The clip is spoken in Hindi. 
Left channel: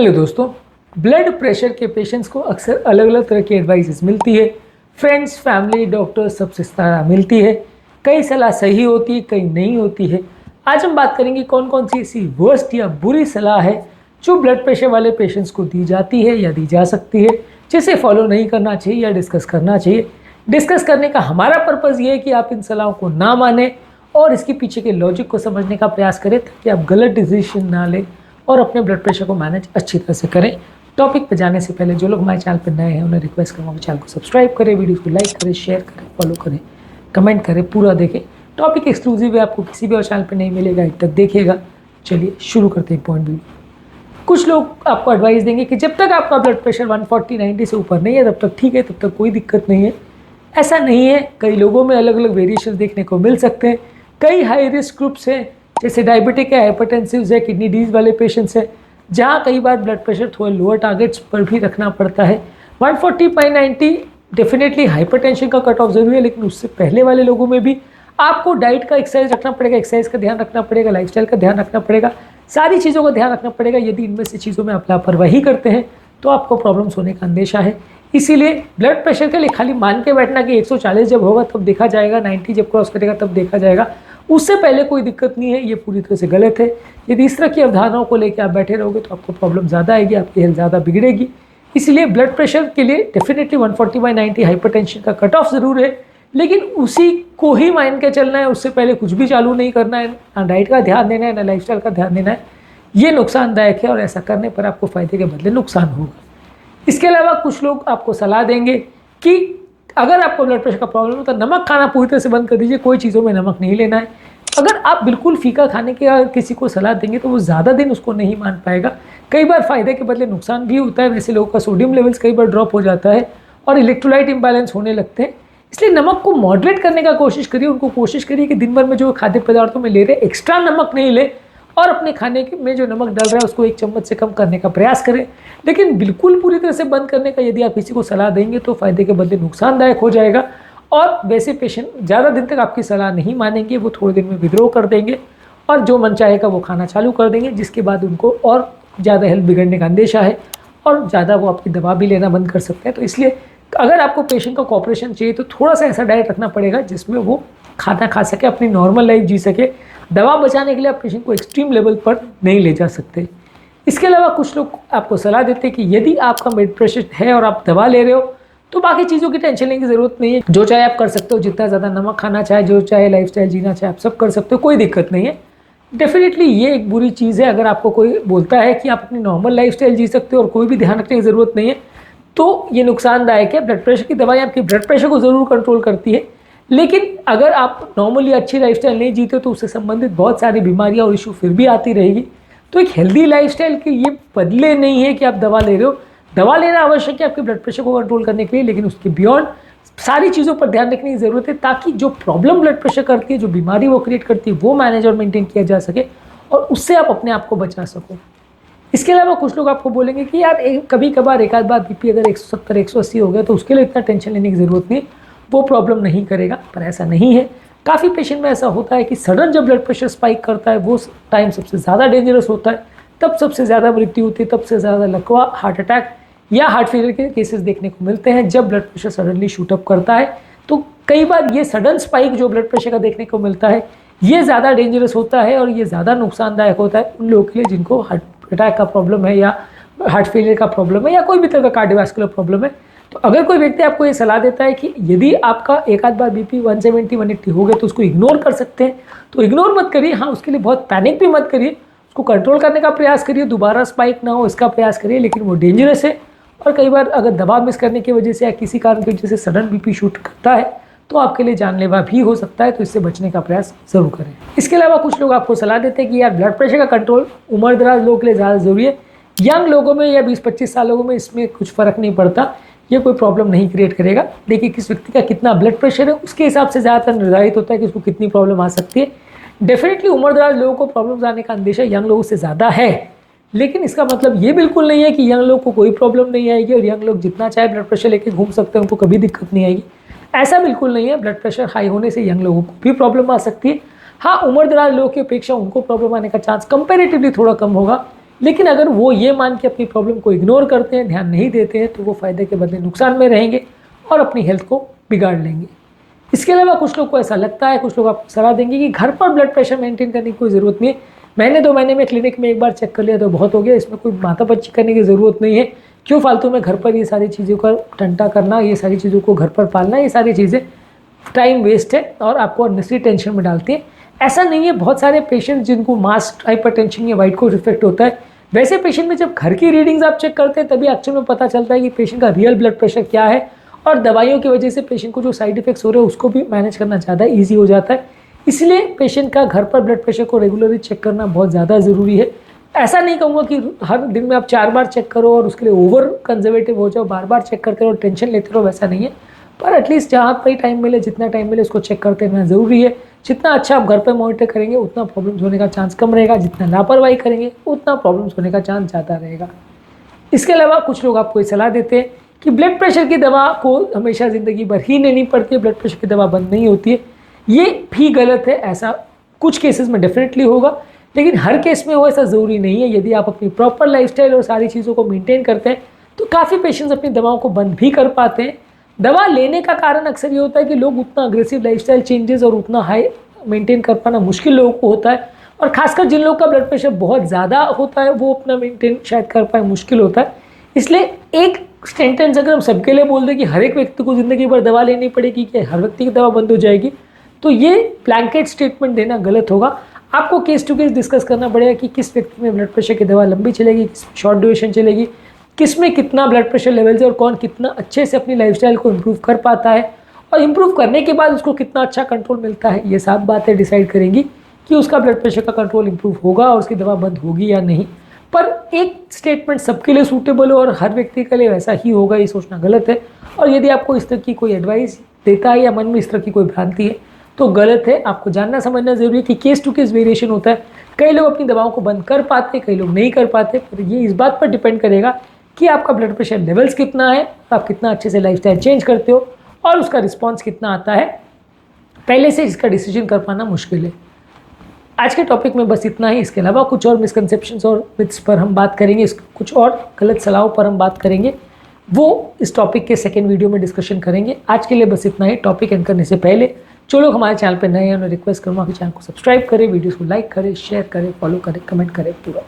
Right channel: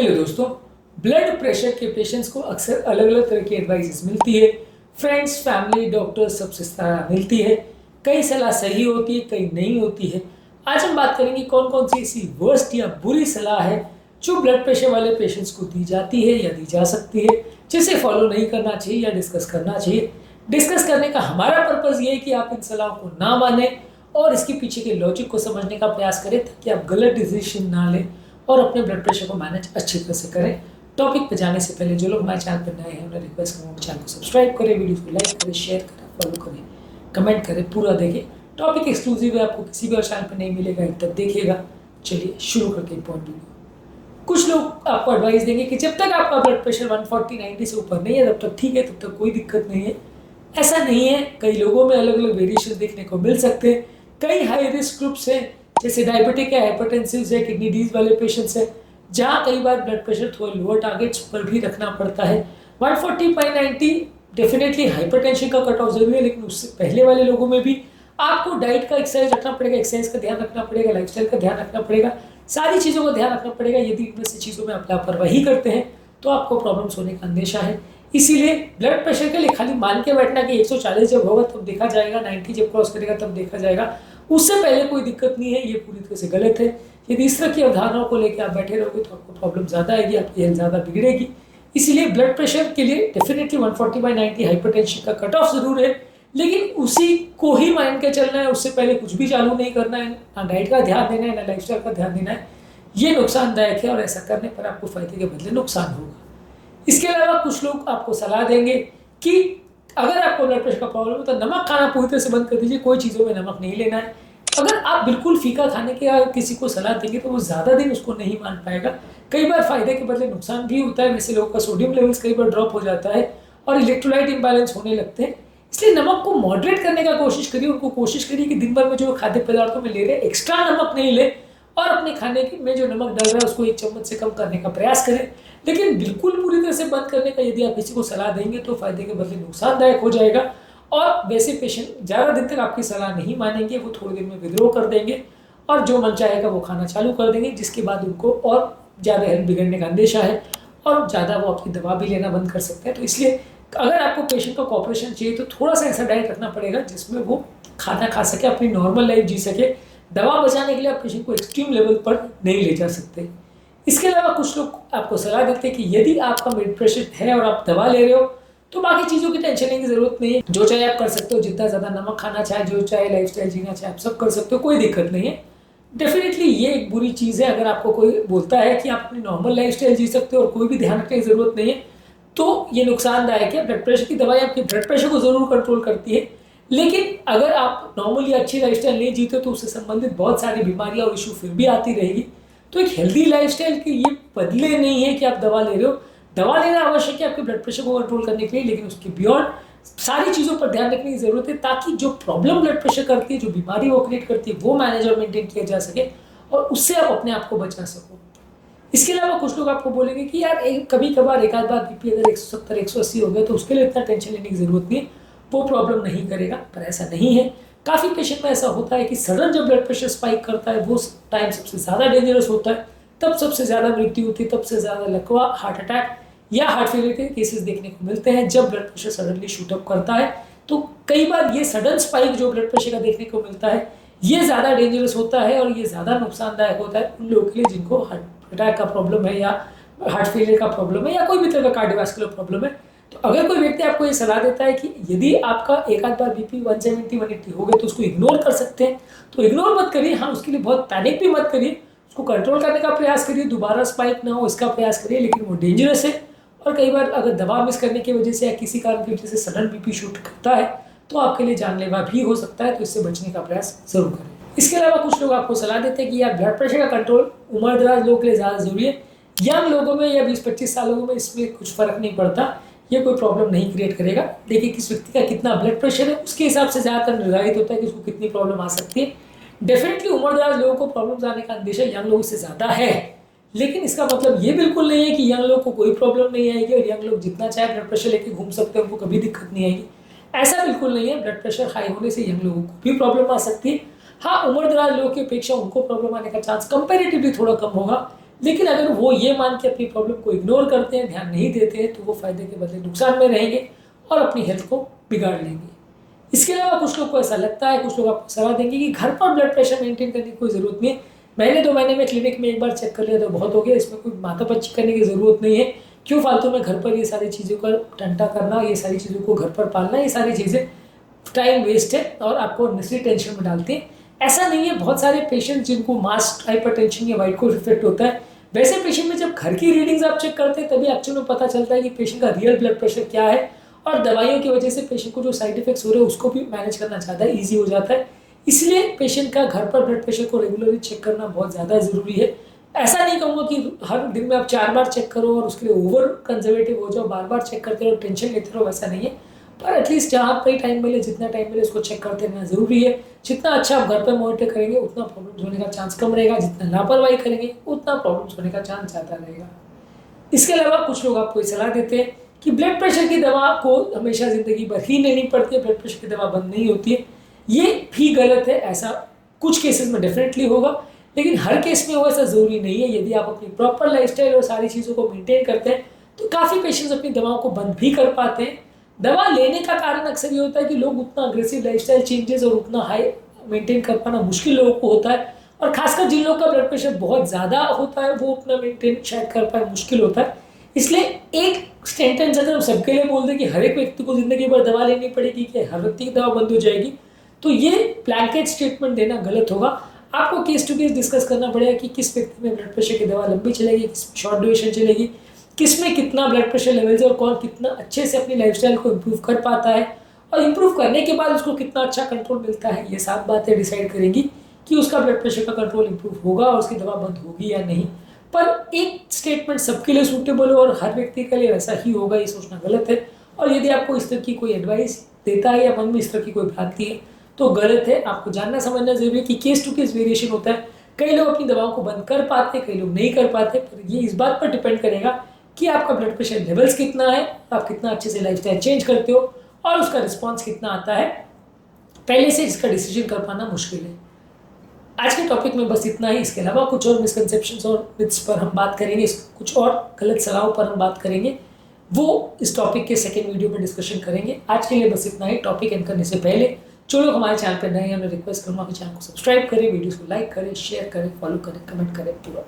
हेलो दोस्तों, ब्लड प्रेशर के पेशेंट्स को अक्सर अलग अलग तरह की एडवाइसेस मिलती है। फ्रेंड्स, फैमिली, डॉक्टर सबसे सलाह मिलती है। कई सलाह सही होती है, कई नहीं होती है। आज हम बात करेंगे कौन कौन सी ऐसी वर्स्ट या बुरी सलाह है जो ब्लड प्रेशर वाले पेशेंट्स को दी जाती है या दी जा सकती है, जिसे फॉलो नहीं करना चाहिए या डिस्कस करना चाहिए। डिस्कस करने का हमारा पर्पज़ ये है कि आप इन सलाहों को ना मानें और इसके पीछे के लॉजिक को समझने का प्रयास करें ताकि आप गलत डिसीजन ना लें और अपने ब्लड प्रेशर को मैनेज अच्छी तरह से करें। टॉपिक पर जाने से पहले जो लोग हमारे चैनल पर नए हैं उन्हें रिक्वेस्ट करूँगा चैनल को सब्सक्राइब करें, वीडियो को लाइक करें, शेयर करें, फॉलो करें, कमेंट करें, पूरा देखें। टॉपिक एक्सक्लूसिव है, आपको किसी भी और चैनल पर नहीं मिलेगा, एक तक देखिएगा। चलिए शुरू करते हैं पॉइंट वीडियो। कुछ लोग आपको एडवाइस देंगे कि जब तक आपका ब्लड प्रेशर 140/90 से ऊपर नहीं है तब तक ठीक है, तब तक कोई दिक्कत नहीं है। ऐसा नहीं है, कई लोगों में अलग अलग वेरिएशन देखने को मिल सकते हैं। कई हाई रिस्क ग्रुप्स हैं, जैसे डायबिटिक है, हाइपरटेंसिव है, किडनी डिजीज वाले पेशेंट्स हैं, जहाँ कई बार ब्लड प्रेशर थोड़े लोअर टारगेट्स पर भी रखना पड़ता है। 140/90 डेफिनेटली हाइपरटेंशन का कट ऑफ जरूरी है, लेकिन उससे पहले वाले लोगों में भी आपको डाइट का एक्सरसाइज रखना पड़ेगा, एक्सरसाइज का ध्यान रखना पड़ेगा, लाइफस्टाइल का ध्यान रखना पड़ेगा, सारी चीज़ों का ध्यान रखना पड़ेगा। यदि इनमें से चीज़ों में आप लापरवाही करते हैं तो आपको प्रॉब्लम्स होने का अंदेशा है। इसीलिए ब्लड प्रेशर के लिए खाली मान के बैठना कि 140 जब होगा तब देखा जाएगा, 90 जब क्रॉस करेगा तब देखा जाएगा, उससे पहले कोई दिक्कत नहीं है, ये पूरी तरह से गलत है। यदि इस तरह की अवधारणाओं को लेकर आप बैठे रहोगे तो आपको प्रॉब्लम ज़्यादा आएगी, आपकी हेल्थ ज़्यादा बिगड़ेगी। इसलिए ब्लड प्रेशर के लिए डेफिनेटली 140/90 हाइपरटेंशन का कट ऑफ ज़रूर है, लेकिन उसी को ही मान के चलना है। उससे पहले कुछ भी चालू नहीं करना है, ना डाइट का ध्यान देना है, ना लाइफस्टाइल का ध्यान देना है। ये नुकसानदायक है और ऐसा करने पर आपको फ़ायदे के बदले नुकसान होगा। इसके अलावा कुछ लोग आपको सलाह देंगे कि अगर आपको ब्लड प्रेशर का प्रॉब्लम हो तो नमक खाना पूरी तरह से बंद कर दीजिए, कोई चीज़ों में नमक नहीं लेना है। अगर आप बिल्कुल फीका खाने के किसी को सलाह देंगे तो वो ज़्यादा दिन उसको नहीं मान पाएगा। कई बार फ़ायदे के बदले नुकसान भी होता है। वैसे लोगों का सोडियम लेवल्स कई बार ड्रॉप हो जाता है और इलेक्ट्रोलाइट इम्बैलेंस होने लगते हैं। इसलिए नमक को मॉडरेट करने का कोशिश करिए। उनको कोशिश करिए कि दिन भर में जो खाद्य पदार्थों में ले रहे हैं एक्स्ट्रा नमक नहीं ले और अपने खाने में जो नमक डल रहा है उसको 1 चम्मच से कम करने का प्रयास करें। लेकिन बिल्कुल पूरी तरह से बंद करने का यदि आप किसी को सलाह देंगे तो फ़ायदे के बदले नुकसानदायक हो जाएगा। और वैसे पेशेंट ज़्यादा दिन तक आपकी सलाह नहीं मानेंगे, वो थोड़े दिन में विद्रोह कर देंगे और जो मन चाहेगा वो खाना चालू कर देंगे, जिसके बाद उनको और ज़्यादा हेल्थ बिगड़ने का अंदेशा है और ज़्यादा वो आपकी दवा भी लेना बंद कर सकते हैं। तो इसलिए अगर आपको पेशेंट का कोऑपरेशन चाहिए तो थोड़ा सा ऐसा डाइट रखना पड़ेगा जिसमें वो खाना खा सके, अपनी नॉर्मल लाइफ जी सके। दवा बचाने के लिए आप पेशेंट को एक्सट्रीम लेवल पर नहीं ले जा सकते। इसके अलावा कुछ लोग आपको सलाह देते हैं कि यदि आपका ब्लड प्रेशर है और आप दवा ले रहे हो तो बाकी चीज़ों की टेंशन लेने की ज़रूरत नहीं है। जो चाहे आप कर सकते हो, जितना ज़्यादा नमक खाना चाहे, जो चाहे लाइफस्टाइल जीना चाहे, आप सब कर सकते हो, कोई दिक्कत नहीं है। डेफिनेटली ये एक बुरी चीज़ है। अगर आपको कोई बोलता है कि आप अपनी नॉर्मल लाइफस्टाइल जी सकते हो और कोई भी ध्यान रखने की ज़रूरत नहीं है तो ये नुकसानदायक है। ब्लड प्रेशर की दवाई आपकी ब्लड प्रेशर को ज़रूर कंट्रोल करती है, लेकिन अगर आप नॉर्मली अच्छी लाइफस्टाइल नहीं जीते तो उससे संबंधित बहुत सारी बीमारियां और इशू फिर भी आती रहेगी। तो एक हेल्दी लाइफस्टाइल के ये बदले नहीं है कि आप दवा ले रहे हो। दवा लेना आवश्यक है आपके ब्लड प्रेशर को कंट्रोल करने के लिए, लेकिन उसके बियॉन्ड सारी चीज़ों पर ध्यान रखने की ज़रूरत है ताकि जो प्रॉब्लम ब्लड प्रेशर करती है, जो बीमारी वो क्रिएट करती है, वो मैनेज और मेंटेन किया जा सके और उससे आप अपने आप को बचा सको। इसके अलावा कुछ लोग आपको बोलेंगे कि यार कभी कभार एक आध बार बीपी अगर 170-180 हो गया तो उसके लिए इतना टेंशन लेने की ज़रूरत नहीं, वो प्रॉब्लम नहीं करेगा। पर ऐसा नहीं है। काफ़ी पेशेंट में ऐसा होता है कि सडन जब ब्लड प्रेशर स्पाइक करता है वो टाइम सबसे ज़्यादा डेंजरस होता है, तब सबसे ज़्यादा मृत्यु होती है, तब से ज़्यादा लकवा, हार्ट अटैक या हार्ट फेलियर के केसेस देखने को मिलते हैं जब blood pressure suddenly shoot up करता है। तो कई बार ये सडन स्पाइक जो ब्लड प्रेशर का देखने को मिलता है ये ज़्यादा डेंजरस होता है और ये ज़्यादा नुकसानदायक होता है उन लोगों के लिए जिनको हार्ट अटैक का प्रॉब्लम है या हार्ट फेलियर का प्रॉब्लम है या कोई भी तरह का कार्डियोवैस्कुलर प्रॉब्लम है। तो अगर कोई व्यक्ति आपको ये सलाह देता है कि यदि आपका एक आध बार बीपी 170-180 हो गया तो उसको इग्नोर कर सकते हैं, तो इग्नोर मत करिए। हाँ, उसके लिए बहुत पैनिक भी मत करिए, उसको कंट्रोल करने का प्रयास करिए, दोबारा स्पाइक ना हो इसका प्रयास करिए, लेकिन वो डेंजरस है। और कई बार अगर दवा मिस करने की वजह से या किसी कारण की वजह से सडन बीपी शूट करता है तो आपके लिए जानलेवा भी हो सकता है, तो इससे बचने का प्रयास जरूर करें। इसके अलावा कुछ लोग आपको सलाह देते हैं कि यार ब्लड प्रेशर का कंट्रोल उम्रदराज लोगों के लिए ज़्यादा जरूरी है। यंग लोगों में या 20-25 साल लोगों में इसमें कुछ फ़र्क नहीं पड़ता, ये कोई प्रॉब्लम नहीं क्रिएट करेगा। देखिए किस व्यक्ति का कितना ब्लड प्रेशर है उसके हिसाब से ज़्यादातर निर्धारित होता है कि उसको कितनी प्रॉब्लम आ सकती है। डेफिनेटली उम्रदराज लोगों को प्रॉब्लम्स आने का अंदेशा यंग लोगों से ज़्यादा है, लेकिन इसका मतलब ये बिल्कुल नहीं है कि यंग लोग को कोई प्रॉब्लम नहीं आएगी और यंग लोग जितना चाहे ब्लड प्रेशर लेके घूम सकते हैं, उनको कभी दिक्कत नहीं आएगी। ऐसा बिल्कुल नहीं है। ब्लड प्रेशर हाई होने से यंग लोगों को भी प्रॉब्लम आ सकती है। हाँ, उम्रदराज लोगों की अपेक्षा उनको प्रॉब्लम आने का चांस कंपेरेटिवली थोड़ा कम होगा, लेकिन अगर वो ये मान के अपनी प्रॉब्लम को इग्नोर करते हैं, ध्यान नहीं देते हैं, तो वो फ़ायदे के बदले नुकसान में रहेंगे और अपनी हेल्थ को बिगाड़ लेंगे। इसके अलावा कुछ लोग को ऐसा लगता है, कुछ लोग आपको सलाह देंगे कि घर पर ब्लड प्रेशर मेंटेन करने की कोई ज़रूरत नहीं है, महीने 2 महीने में क्लिनिक में एक बार चेक कर लिया तो बहुत हो गया, इसमें कोई माथापच्ची करने की ज़रूरत नहीं है। क्यों फालतू में घर पर ये सारी चीज़ों का टंटा करना, ये सारी चीज़ों को घर पर पालना, ये सारी चीज़ें टाइम वेस्ट है और आपको अननेसेसरी टेंशन में डालती है। ऐसा नहीं है, बहुत सारे पेशेंट जिनको मास हाइपरटेंशन या वाइट कोट इफेक्ट होता है, वैसे पेशेंट में जब घर की रीडिंग्स आप चेक करते हैं तभी एक्चुअल में पता चलता है कि पेशेंट का रियल ब्लड प्रेशर क्या है, और दवाइयों की वजह से पेशेंट को जो साइड इफेक्ट्स हो रहे हैं उसको भी मैनेज करना ज़्यादा ईजी हो जाता है। इसलिए पेशेंट का घर पर ब्लड प्रेशर को रेगुलरली चेक करना बहुत ज़्यादा ज़रूरी है। ऐसा नहीं कहूँगा कि हर दिन में आप 4 बार चेक करो और उसके लिए ओवर कंजर्वेटिव हो जाओ, बार बार चेक करते रहो, टेंशन लेते रहो, वैसा नहीं है। पर एटलीस्ट जहाँ पे टाइम मिले, जितना टाइम मिले उसको चेक करते रहना ज़रूरी है। जितना अच्छा आप घर पर मॉनिटर करेंगे उतना प्रॉब्लम्स होने का चांस कम रहेगा, जितना लापरवाही करेंगे उतना प्रॉब्लम्स होने का चांस ज़्यादा रहेगा। इसके अलावा कुछ लोग आपको ये सलाह देते हैं कि ब्लड प्रेशर की दवा को हमेशा ज़िंदगी भर ही लेनी पड़ती है, ब्लड प्रेशर की दवा बंद नहीं होती है। ये भी गलत है, ऐसा कुछ केसेस में डेफिनेटली होगा, लेकिन हर केस में वो ऐसा ज़रूरी नहीं है। यदि आप अपनी प्रॉपर लाइफस्टाइल और सारी चीज़ों को मेंटेन करते हैं तो काफ़ी पेशेंट्स अपनी दवाओं को बंद भी कर पाते हैं। दवा लेने का कारण अक्सर ये होता है कि लोग उतना अग्रेसिव लाइफस्टाइल चेंजेस और उतना हाई मेंटेन कर पाना मुश्किल लोगों को होता है, और खासकर जिन लोगों का ब्लड प्रेशर बहुत ज़्यादा होता है वो अपना मेंटेन शायद कर पाए मुश्किल होता है। इसलिए एक सेंटेंस अगर हम सबके लिए बोल दें कि हर एक व्यक्ति को ज़िंदगी भर दवा लेनी पड़ेगी, कि हर व्यक्ति की दवा बंद हो जाएगी, तो ये ब्लैंकेट स्टेटमेंट देना गलत होगा। आपको केस टू केस डिस्कस करना पड़ेगा कि किस व्यक्ति में ब्लड प्रेशर की दवा लंबी चलेगी, किस में शॉर्ट ड्यूरेशन चलेगी, किस में कितना ब्लड प्रेशर लेवल्स है और कौन कितना अच्छे से अपनी लाइफस्टाइल को इम्प्रूव कर पाता है, और इम्प्रूव करने के बाद उसको कितना अच्छा कंट्रोल मिलता है। ये सब बातें डिसाइड करेंगी कि उसका ब्लड प्रेशर का कंट्रोल इम्प्रूव होगा और उसकी दवा बंद होगी या नहीं। पर एक स्टेटमेंट सबके लिए सूटेबल हो और हर व्यक्ति के लिए वैसा ही होगा, ये सोचना गलत है। और यदि आपको इस तरह की कोई एडवाइस देता है या मन में इस तरह की कोई भ्रांति है तो गलत है। आपको जानना समझना जरूरी है कि केस टू केस वेरिएशन होता है। कई लोग अपनी दवाओं को बंद कर पाते, कई लोग नहीं कर पाते, पर ये इस बात पर डिपेंड करेगा कि आपका ब्लड प्रेशर लेवल्स कितना है, आप कितना अच्छे से लाइफस्टाइल चेंज करते हो और उसका रिस्पॉन्स कितना आता है। पहले से इसका डिसीजन कर पाना मुश्किल है। आज के टॉपिक में बस इतना ही। इसके अलावा कुछ और मिसकंसेप्शंस और मिथ्स पर हम बात करेंगे, कुछ और गलत सलाहों पर हम बात करेंगे, वो इस टॉपिक के सेकेंड वीडियो में डिस्कशन करेंगे। आज के लिए बस इतना ही। टॉपिक एंड करने से पहले जो लोग हमारे चैनल पर नए हैं उन्हें रिक्वेस्ट करूँगा कि चैनल को सब्सक्राइब करें, वीडियोस को लाइक करें, शेयर करें, फॉलो करें, कमेंट करें, पूरा